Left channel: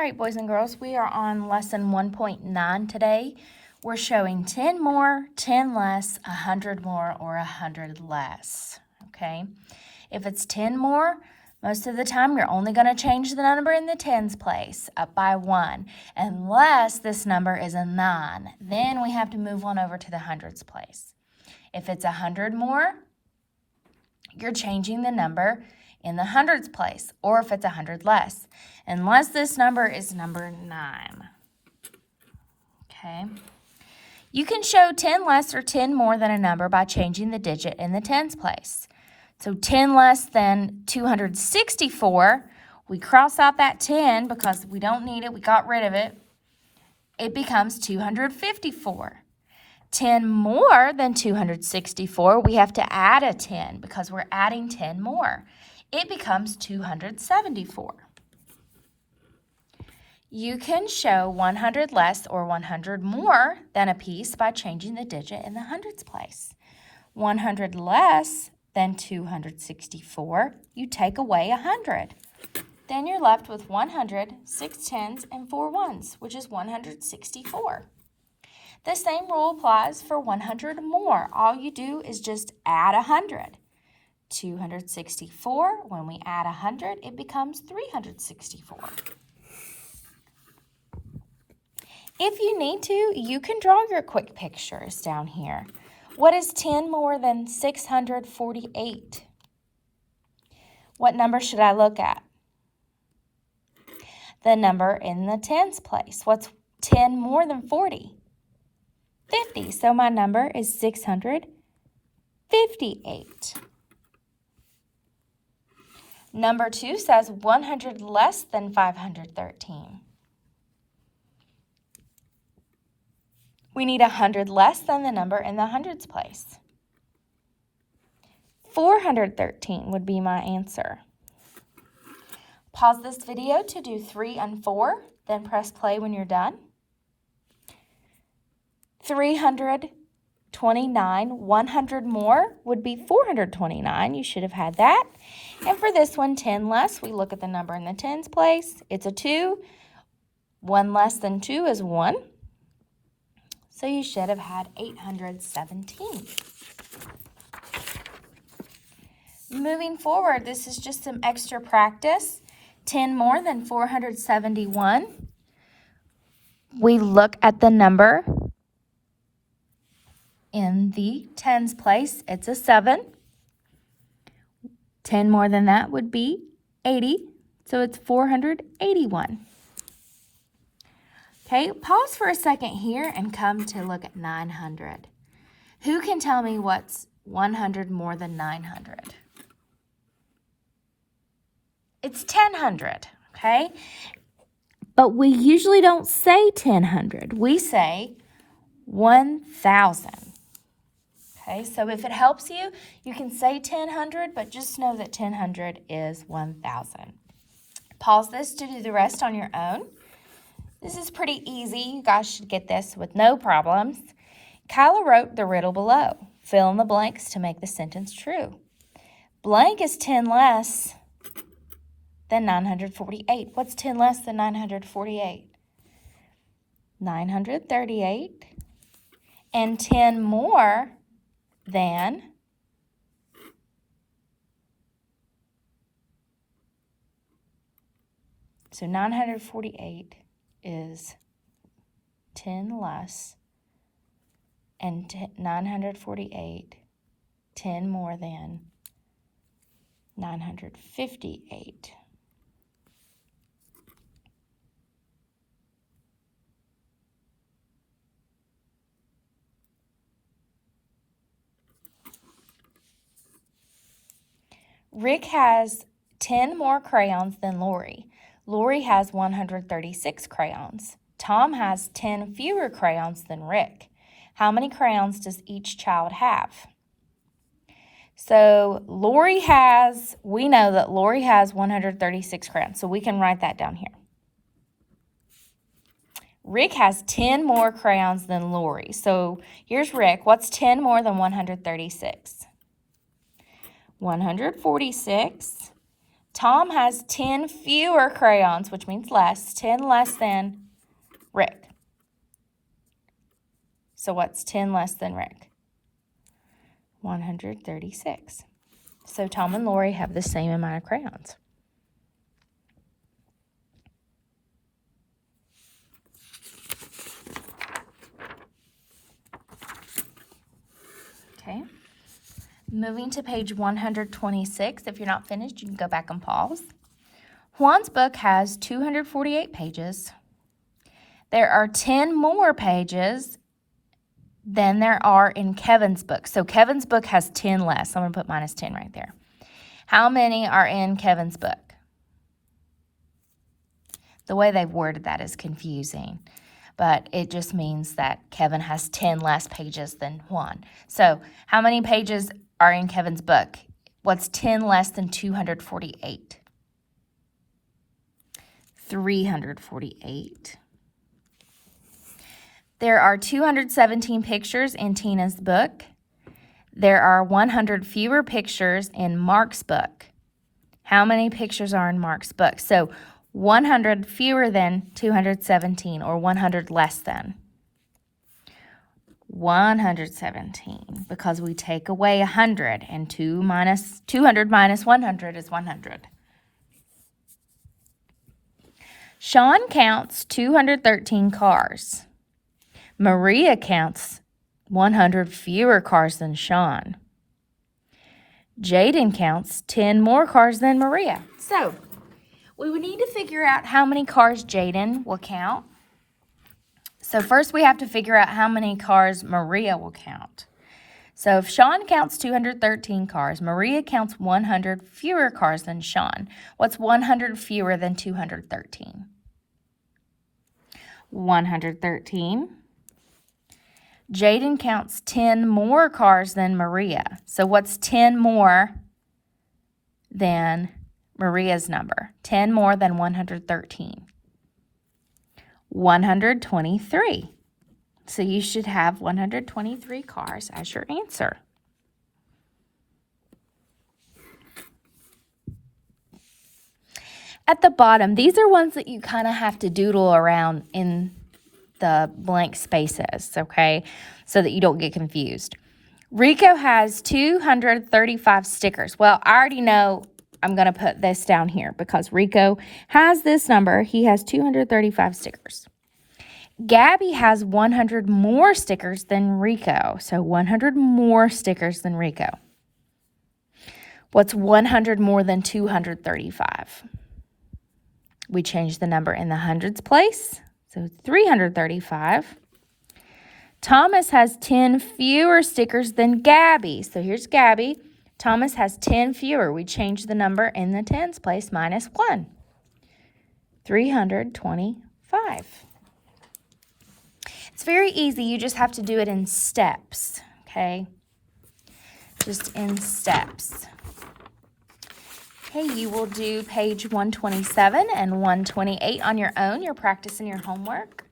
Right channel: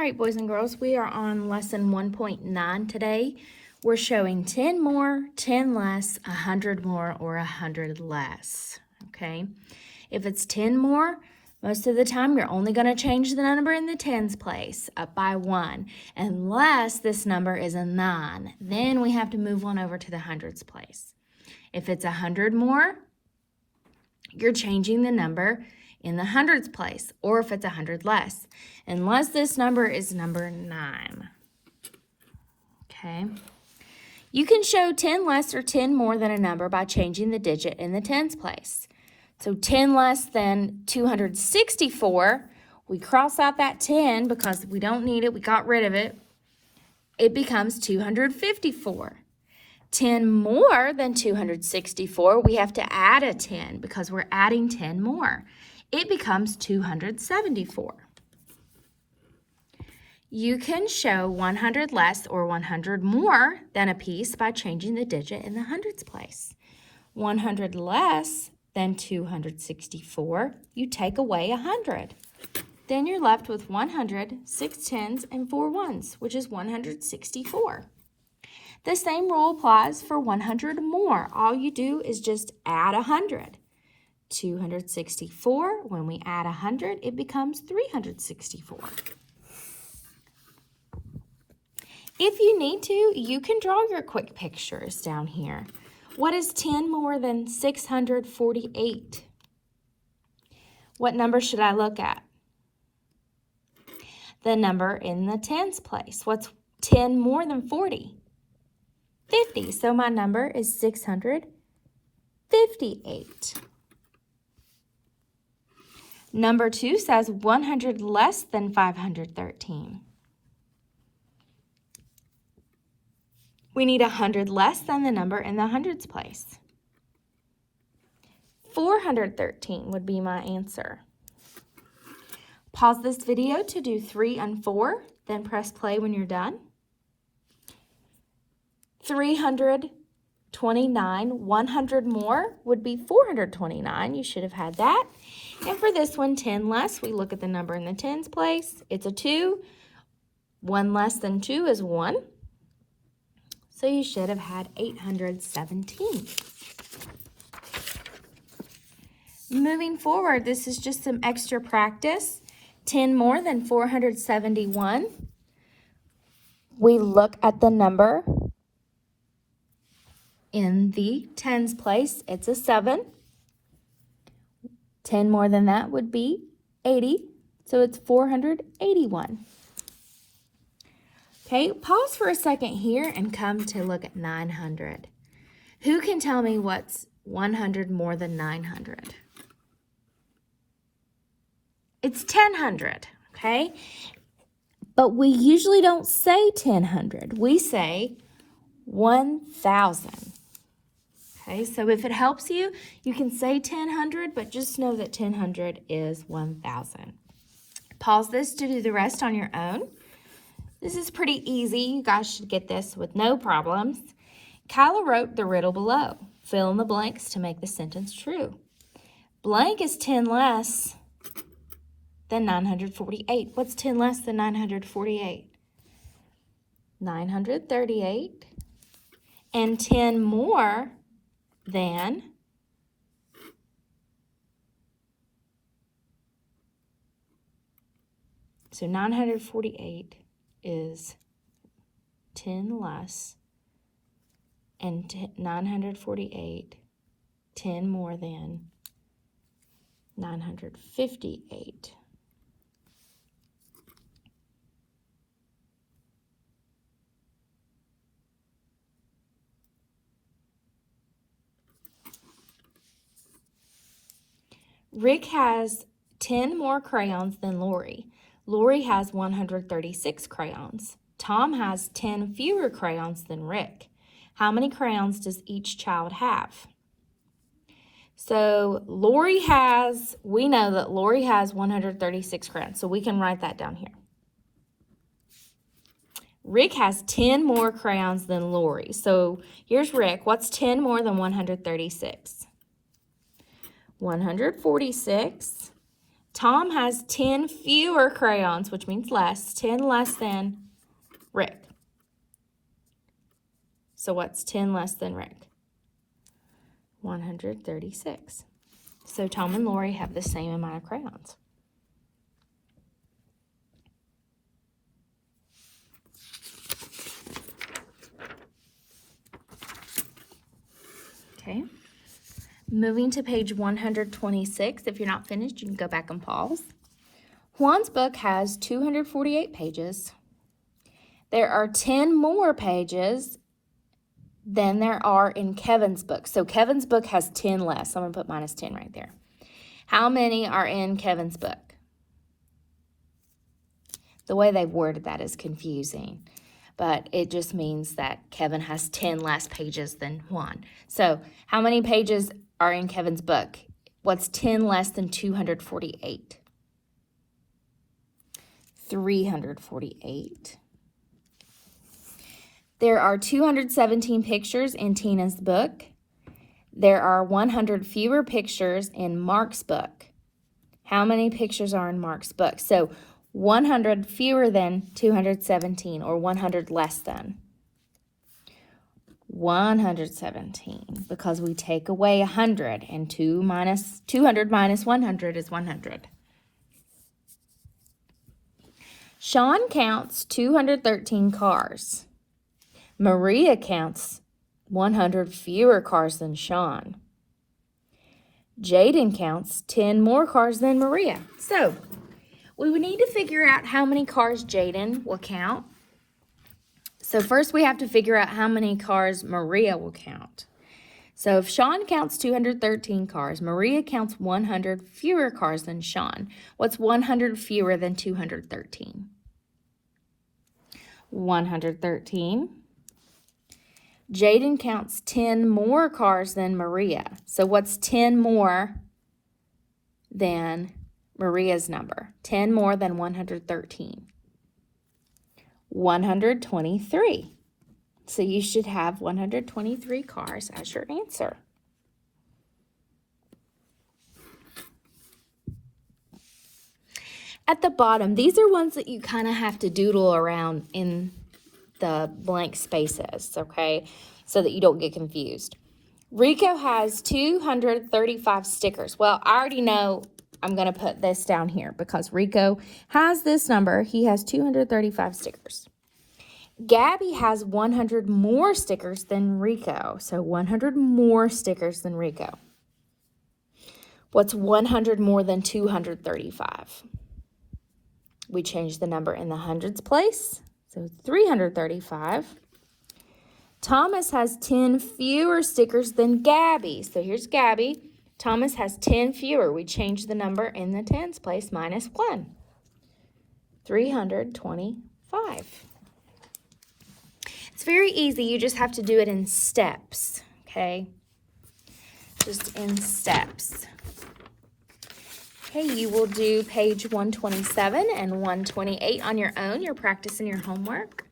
All right, boys and girls, we are on lesson 1.9 today. We're showing 10 more, 10 less, 100 more, or 100 less, okay? If it's 10 more, most of the time you're only going to change the number in the tens place up by 1, unless this number is a 9. Then we have to move on over to the hundreds place. If it's 100 more, you're changing the number in the hundreds place, or if it's 100 less, unless this number is number 9. Okay. You can show 10 less or 10 more than a number by changing the digit in the tens place. So 10 less than 264, we cross out that 10 because we don't need it, we got rid of it. It becomes 254. 10 more than 264, we have to add a 10 because we're adding 10 more. It becomes 274. You can show 100 less or 100 more than a piece by changing the digit in the hundreds place. 100 less than 264, you take away 100. Then you're left with 100, 6 tens, and 4 ones, which is 164. The same rule applies for 100 more. All you do is just add 100. 264, when we add 100, it becomes 364. If you need to, you can draw your quick pictures down here. What is 10 more than 648? What number should I look at? The number in the tens place. What's 10 more than 40? 50. So my number is 658. Number 2 says 100 less than 513. We need 100 less than the number in the hundreds place. 413 would be my answer. Pause this video to do 3 and 4, then press play when you're done. 329, 100 more would be 429. You should have had that. And for this one, 10 less, we look at the number in the tens place. It's a 2. 1 less than 2 is 1. So you should have had 817. Moving forward, this is just some extra practice. 10 more than 471. We look at the number in the tens place. It's a 7. 10 more than that would be 80. So it's 481. Okay, pause for a second here and come to look at 900. Who can tell me what's 100 more than 900? It's 1,000, okay? But we usually don't say 1,000. We say 1,000. Okay, so if it helps you, you can say 1,000, but just know that 1,000 is 1,000. Pause this to do the rest on your own. This is pretty easy. You guys should get this with no problems. Kyla wrote the riddle below. Fill in the blanks to make the sentence true. Blank is 10 less than 948. What's 10 less than 948? 938. And 10 more than so 948 is 10 less, and 948, 10 more than 958. Rick has 10 more crayons than Lori. Lori has 136 crayons. Tom has 10 fewer crayons than Rick. How many crayons does each child have? So we know that Lori has 136 crayons, so we can write that down here. Rick has 10 more crayons than Lori. So here's Rick. What's 10 more than 136? 146 Tom has 10 fewer crayons, which means less, 10 less than Rick. So what's 10 less than Rick? 136. So Tom and Lori have the same amount of crayons. Okay. Moving to page 126. If you're not finished, you can go back and pause. Juan's book has 248 pages. There are 10 more pages than there are in Kevin's book. So Kevin's book has 10 less. I'm going to put minus 10 right there. How many are in Kevin's book? The way they've worded that is confusing, but it just means that Kevin has 10 less pages than Juan. So how many pages are in Kevin's book? What's 10 less than 248? 348. There are 217 pictures in Tina's book. There are 100 fewer pictures in Mark's book. How many pictures are in Mark's book? So 100 fewer than 217, or 100 less than. 117, because we take away 100, and 200 minus 100 is 100. Sean counts 213 cars. Maria counts 100 fewer cars than Sean. Jaden counts 10 more cars than Maria. So we would need to figure out how many cars Jaden will count. So first we have to figure out how many cars Maria will count. So if Sean counts 213 cars, Maria counts 100 fewer cars than Sean. What's 100 fewer than 213? 113. Jaden counts 10 more cars than Maria. So what's 10 more than Maria's number? 10 more than 113. 123. So you should have 123 cars as your answer. At the bottom, these are ones that you kind of have to doodle around in the blank spaces, okay, so that you don't get confused. Rico has 235 stickers. Well, I already know I'm going to put this down here because Rico has this number. He has 235 stickers. Gabby has 100 more stickers than Rico, so 100 more stickers than Rico. What's 100 more than 235? We change the number in the hundreds place. So 335. Thomas has 10 fewer stickers than Gabby. So here's Gabby. Thomas has 10 fewer. We change the number in the tens place, minus 1. 325. It's very easy. You just have to do it in steps, okay? Just in steps. Okay, you will do page 127 and 128 on your own. You're practicing your homework.